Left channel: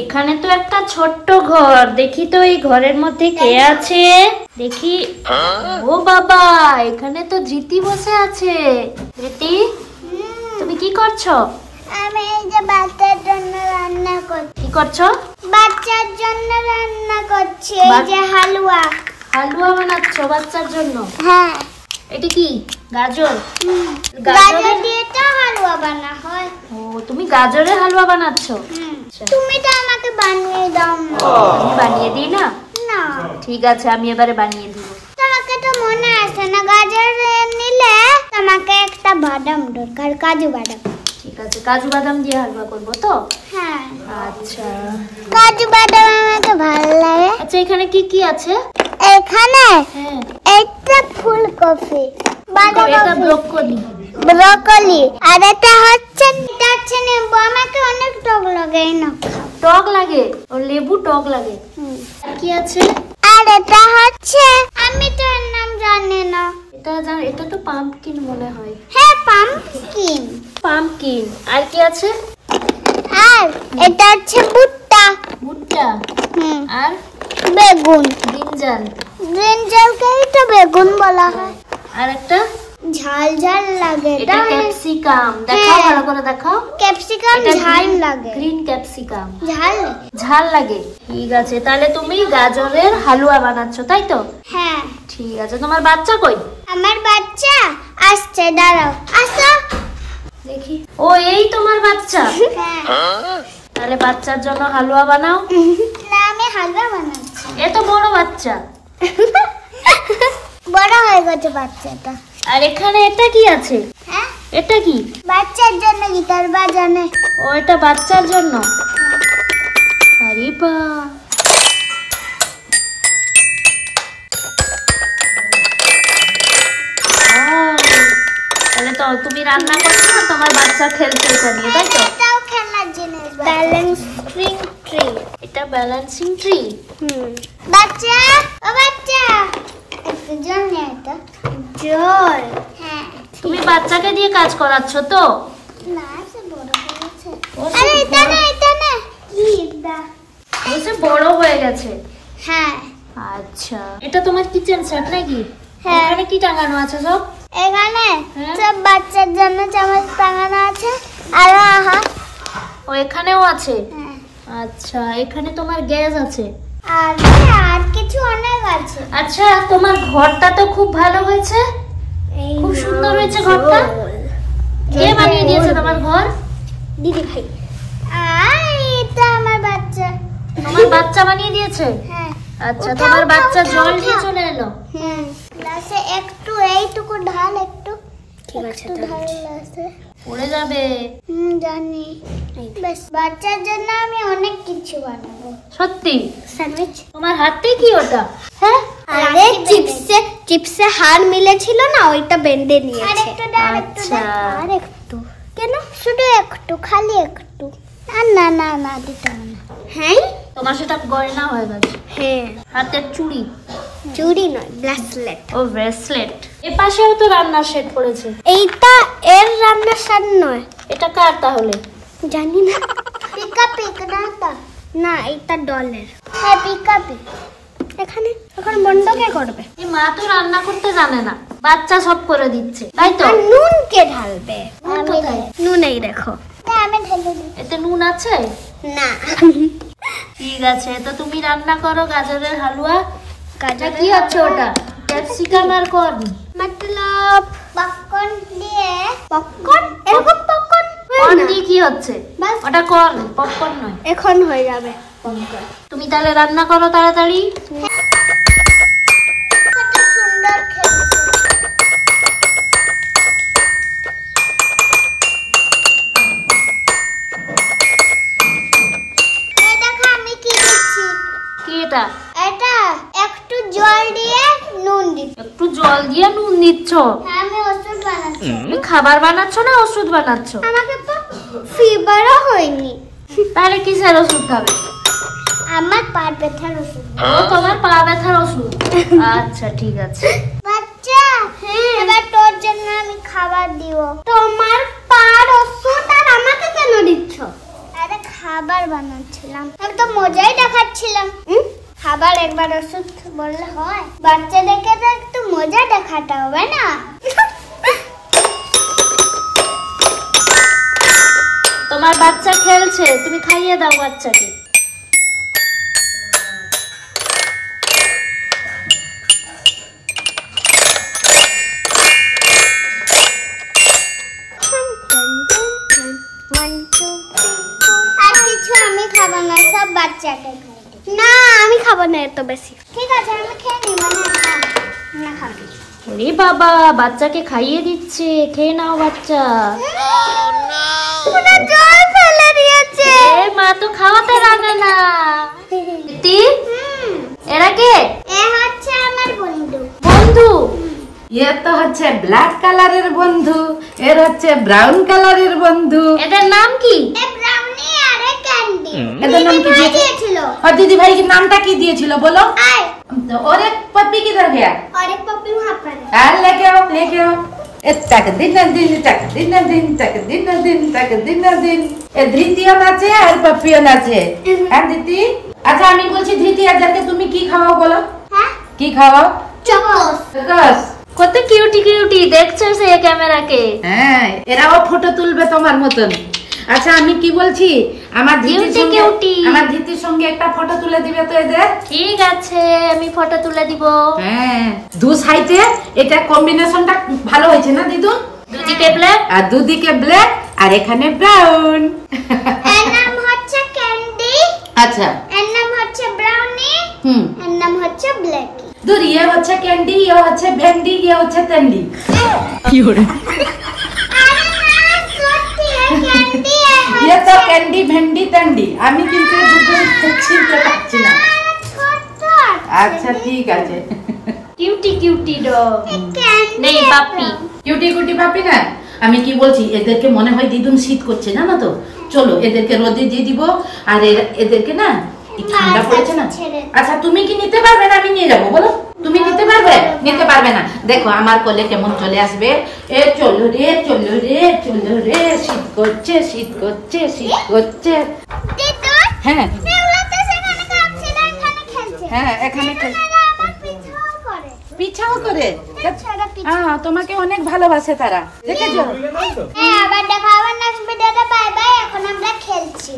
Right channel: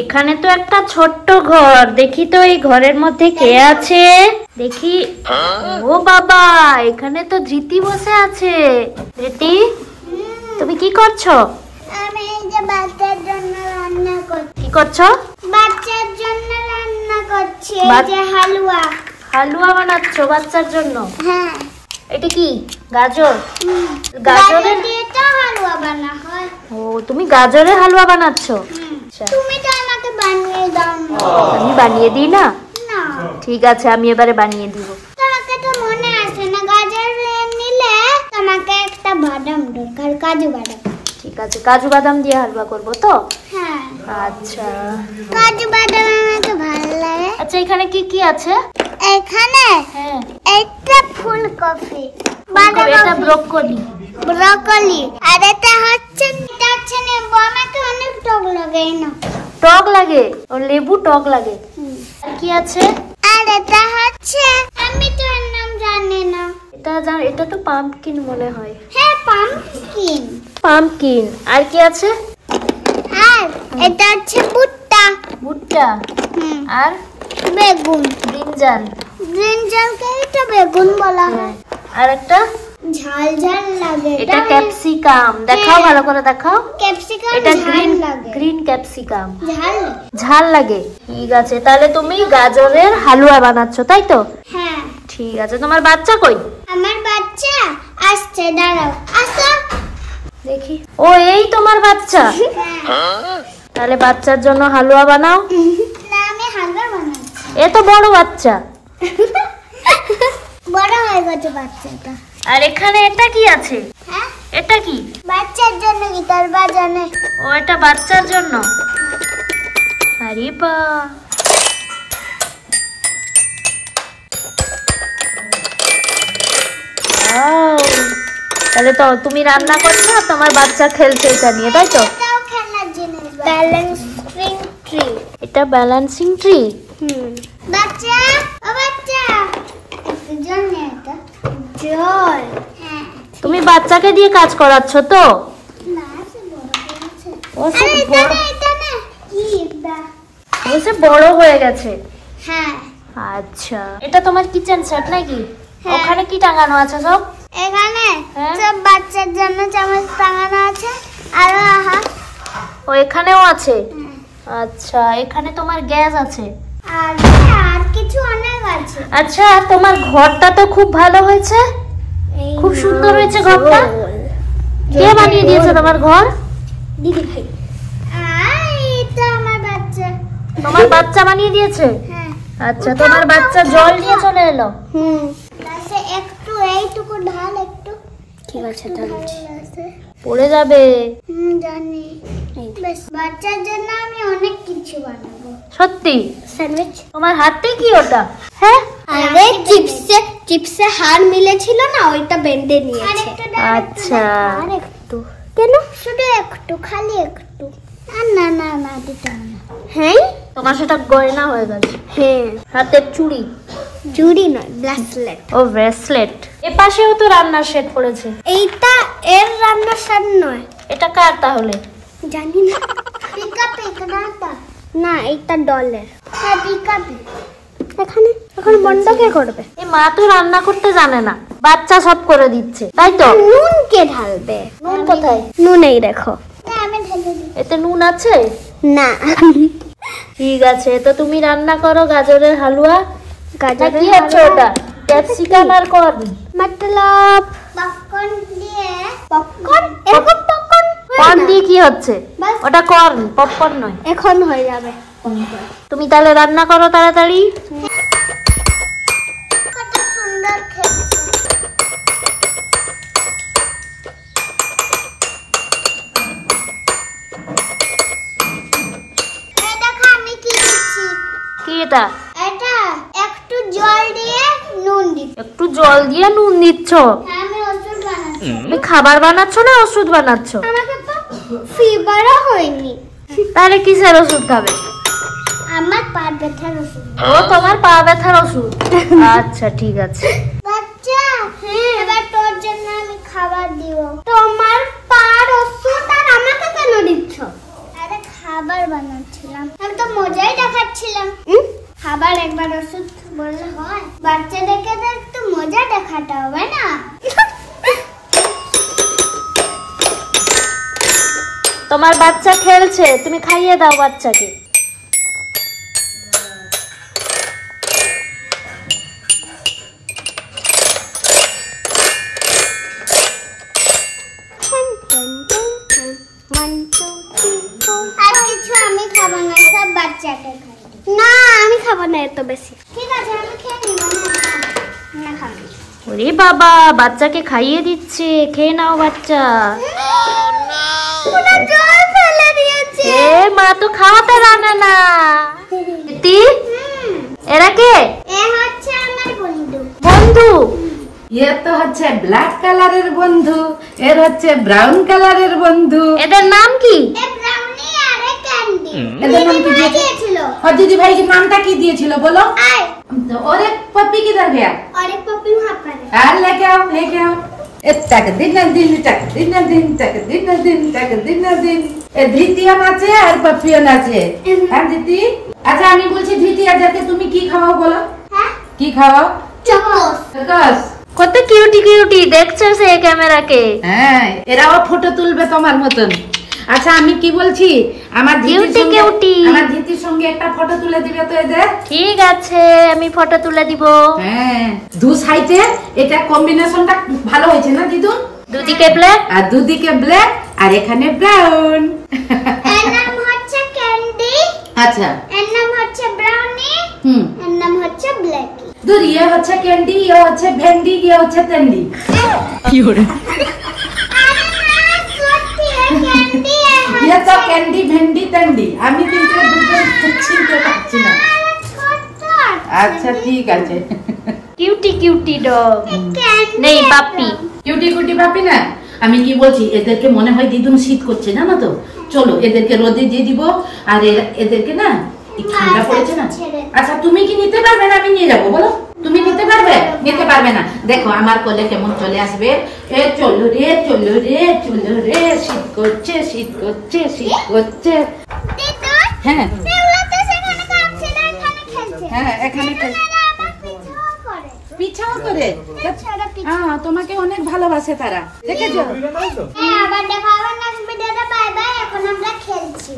এখানে তো একটা ছোট্ট ঘর, দেখি তো এই ঘরের মধ্যে কে আছে। দেখি, ও বাবা, এখানে তো জিতি বসে আছে। জিতি, তুমি কি করছো? আমি এই যে বাচ্চার জন্য রান্না করছি। কি করছো? বাচ্চার জন্য রান্না করছি, এই যে হালুয়া। হালুয়া বানাচ্ছো বাচ্চার জন্য? হ্যাঁ। এটা কি গাজর? গাজর দিয়ে তো হালুয়া বানা হয়। ও, তুমি গাজরের হালুয়া বানাচ্ছো? তুমি তো আমাকে বানিয়ে দাও না। আমি বানিয়ে দিই না? না। ঠিক আছে, আমি এবারে বানিয়ে দিব। তোমাকে তো মনে আছে না, গাজর নিলে তোমাকে একটা বাদাম দরকার, কাজু বাদাম। ঠিক আছে, কাজু বাদাম দিয়ে হালুয়া করব তো? হ্যাঁ। আচ্ছা, কাজু বাদাম আমাকে ভালো লাগে। আচ্ছা, এখানে কি কি আছে? এখানে হ্যাঁ, একটা ফুলকপি, এটা ব্রোকলি, আর এটা হচ্ছে নেবু। আমাকে অনেক টক লাগে না। টক লাগে? ও, লেবু টক লাগে। কি আছে? আর এটা হচ্ছে, আমি তো এর নাম জানি না। এটা তো পাম্পকিন মনে হয়। হ্যাঁ, পাম্পকিন। পাম্পকিন। আর কি আছে? আর এটা হচ্ছে ভুট্টা। ভুট্টা। আর বেগুন। ব্রিঞ্জালকে তো বেগুন বলা হয়। আর একটা ঝাল ঝাল লাগে, এটা ক্যাপসিকাম। দেখাও, ভালো করে দেখাও। ক্যাপসিকাম ঝাল লাগে। গ্রিন ক্যাপসিকাম ঝাল লাগে। ঠিক আছে, তাহলে তুমি গাজরের হালুয়া বানাচ্ছো, তাই তো? হ্যাঁ। ঠিক আছে, তোমার বাচ্চা কই? আমার বাচ্চা আসছে, দাঁড়াও। আসো দেখি। ও, এই তোমার বাচ্চা? তাহলে বাচ্চার জন্য হালুয়া বানাও। না, আমি হালুয়া বানাচ্ছি। এ তো বড় বাচ্চা। বড় হয়ে গেছে বাচ্চাটা। আর এখানে এটা কি আছে? হ্যাঁ, এটা কি? বাচ্চার জন্য গিটার বাজানো। ও, এটা বাচ্চার জন্য। আরে বা, তাহলে তো তুমি রান্না করছো না, তোমার বাচ্চা খেলছে এটা নিয়ে, তাই তো? এটাও খেলার জিনিস, ব্যালেন্সিং ট্রি। এটা ব্যালেন্সিং ট্রি। বাচ্চা, ও বাচ্চা, একটু জল নিয়ে এটা। জল? হ্যাঁ। তুমি বাচ্চাকে দিয়ে কাজ করাচ্ছ তো? না, সে বড় হয়েছে। আরে এটা না, কি এটা? ও, সে বড় হয়ে গেছে। হ্যাঁ। আচ্ছা, এটা তোমার কিচেন সেট নাকি? হ্যাঁ। ওখানে কি টাঙানো আছে সব? এখানে হ্যাঁ। সব বাচ্চার জন্য চামচ টাঙানো আছে। আর ও, এখানেও আছে? হ্যাঁ। আচ্ছা, এখানে তোমার গ্যাস আছে। আর কিছু অনেক আছে। আচ্ছা, তোমার ঘরটা তো খুব ভালো হয়েছে, খুব সুন্দর হয়েছে ঘরটা। কে বানিয়ে দিয়েছে তোমার ঘর? দিদি ভাই। আর এটা আমার বাচ্চা। তোমার বাচ্চা বানিয়ে দিয়েছে? হ্যাঁ। আচ্ছা, তোমার বাচ্চা জল নিয়ে চলে এলো। গ্লাসে একটু এইটুকু ঢাল, একটু। ঠিক আছে, পড়ে যাবে। জানি। বেশ, বাচ্চার জন্য আমি অনেক কিছু বানাবো। সত্যি? স্যান্ডউইচ। তোমার হাতে কি ওটা? হ্যাঁ, আরে চিপসে হাড় মিলেছিল না, ওইটা বেঁধে নিয়েছে। আচ্ছা, আর একটু। কেন? শুধু একটু, খালি একটু। না না না, দিতে হবে না। হ্যাঁ, তোমার সেটা গয়না হয়ে গেছে। হ্যাঁ, হাতের চুড়ি। চুড়ি নয়, ব্রেসলেট। ও, ব্রেসলেট। এপাশেও তো রান্নার সেট পড়েছে। এইটা এর রান্নার সেট নয়। এটা কার তাহলে? জানি না। পিক না, এটা ডলের। হ্যাঁ, পিক। এখানে এখন বন্ধ কে করবে? এই মা তো রান্না করতে জানে না, বাচ্চা সব করে দিচ্ছে, তাই তো? নুন কে ঢালবে? নুন কোথায়? নুন এই দেখো। আমি ঢেলে দিই। এতে নুন আছে না। ঠিক আছে, তো তুমি রান্না করো গাজরের হালুয়া। কি আছে ওটা? ক্যাপসিকাম আর কর্ন। মতলব পপকর্ন দিয়ে। পপকর্ন? এরকম পপকর্ন কর্ন দিয়ে কি হচ্ছে? ওটা কর্ন, পপকর্ন নয়। এখন হয়ে যাবে। তুমি তাহলে রান্না করো তাড়াতাড়ি। কত সুন্দর খেলছে। এটা আমি কি দিচ্ছি? কি এটা? এটা একটু জল দিয়ে নুন দিচ্ছি। একটু জল দিয়ে নুন দিচ্ছ? আমি ওষুধ বানাচ্ছি। তুমি খাবার বানাচ্ছ না ওষুধ বানাচ্ছ? আমাকে তো ফিভারও হয়নি। তাহলে কিসের ওষুধ খাবে? আমার পা ব্যথার ওষুধ। ও, তোমার পা ব্যথার ওষুধ। আচ্ছা, ঠিক আছে। বাচ্চা, এবার তোর জন্য আমি খাবার দিব। তোমার পার ওষুধ আর আমাকে কেন দিচ্ছ? আরে খা। খাবার বানাচ্ছিলাম। আমি তো মজাই দেখাচ্ছিলাম। খাবার একবার ওষুধ বললে হয়? বাচ্চাদেরকে তো একটু মজা দেখাতে হবে না? তোমার বাচ্চা খেলছে, তুমি খাইয়ে দাও বাচ্চাকে। আর কিছু আমি খাবো না, সব বাচ্চাকে খাই। না আমি খাবো না এত বেশি। ঠিক আছে আমি খেয়ে নিই, মানে না খাবো। ওরে বাবা, বাচ্চাকে খাইয়ে দিচ্ছে, খেয়ে নাও বাচ্চা। পুরো জল ফেলে দিয়েছে। এ মা তো খাওয়াতে জানে না। দিদি, এরা কে? এ হচ্ছে আমার বন্ধু। বন্ধু? এ তো হচ্ছে ব্ল্যাক কালারের বন্ধু, এর হচ্ছে ব্রাউন কালারের বন্ধু। এদের নাম কি? এ ব্রাউনি আর এ ক্যান্ডি। এদের নাম কি দিয়েছিল? और दीदी भाई के नाम কি দিয়েছিল বলো? আয়। तो और एक पप्पी किधर गया? और एक पप्पी वहां पर है। আর लेके आओ लेके आओ। तक दिन दिन तक दिन दिन तक दिन दिन तक दिन दिन। এ ধৃতিও নাচে আর পপ্পিও নাচে। হ্যাঁ দিদি, আচ্ছা আমি বলছি ধৃতি আজকে তুমি কি খাওয়াও বলো? হ্যাঁ কি খাওয়াও? চকোস। চকোস। কত কিউটি কিউটি দেখছে সে ক্যামেরাকে। হ্যাঁ, এরাও ফটো তুলবে তোমার মতন। আচ্ছা আমি কি বলছি, আমার ধৃতির সঙ্গে একটা ফটো তুলে দিবে তো এদের? ঠিক আছে, আমি ফটো তুলে দিব। হ্যাঁ, দু সাইডে এটা কম্বিনেশনটা ভালো হয়েছে না দিদুন? দুদিকে ব্ল্যাক আর দুদিকে ব্ল্যাক আর এখানে ব্রাউন। এর নাম হচ্ছে ক্যান্ডি। আচ্ছা, এর নাম হচ্ছে ব্রাউনি। এর নাম হচ্ছে ব্ল্যাকি। দূর, ইয়ে হচ্ছে ক্যান্ডি, ইয়ে হচ্ছে ভেন্ডি, ইয়ে হচ্ছে তেন্ডি। কি হরে? ক্যান্ডি ইয়ে তো ক্যান্ডি ভেন্ডি তেন্ডি, আমি কিন্তু দুটো চিনতে পারছি না। আচ্ছা ঠিক আছে। কিউটি কিউটি ডগ নেই পাপ্পি। কিউটি কুটি পাপি না। আমি কি বলছি, এদেরকে মনে হয় দিদুন শীত করছে জানো তো, চলো এদেরকে রোদে দিয়ে দিব। আর এদেরকে না ঠান্ডা পড়েছে না। আচ্ছা তুমি কি নিতে পারবে না? আমি নিয়ে যাবো বলো। তুমি নিতে পারবে? নিতে পারবে না। দেখো আমার কোলে কেমন চলে আসবে। এ চলো রে চলো রে চলো রে, শীত করছে শীত করছে শীত করছে। হ্যাঁ হ্যাঁ এখানে পিছাও করে। হ্যাঁ তোমাকে অনেক ভালোবাসে তারা, দেখেছো? হ্যাঁ আবার দেখা হবে নেক্সট ভিডিওতে। বাই বাই, এখন আমরা খেলছি।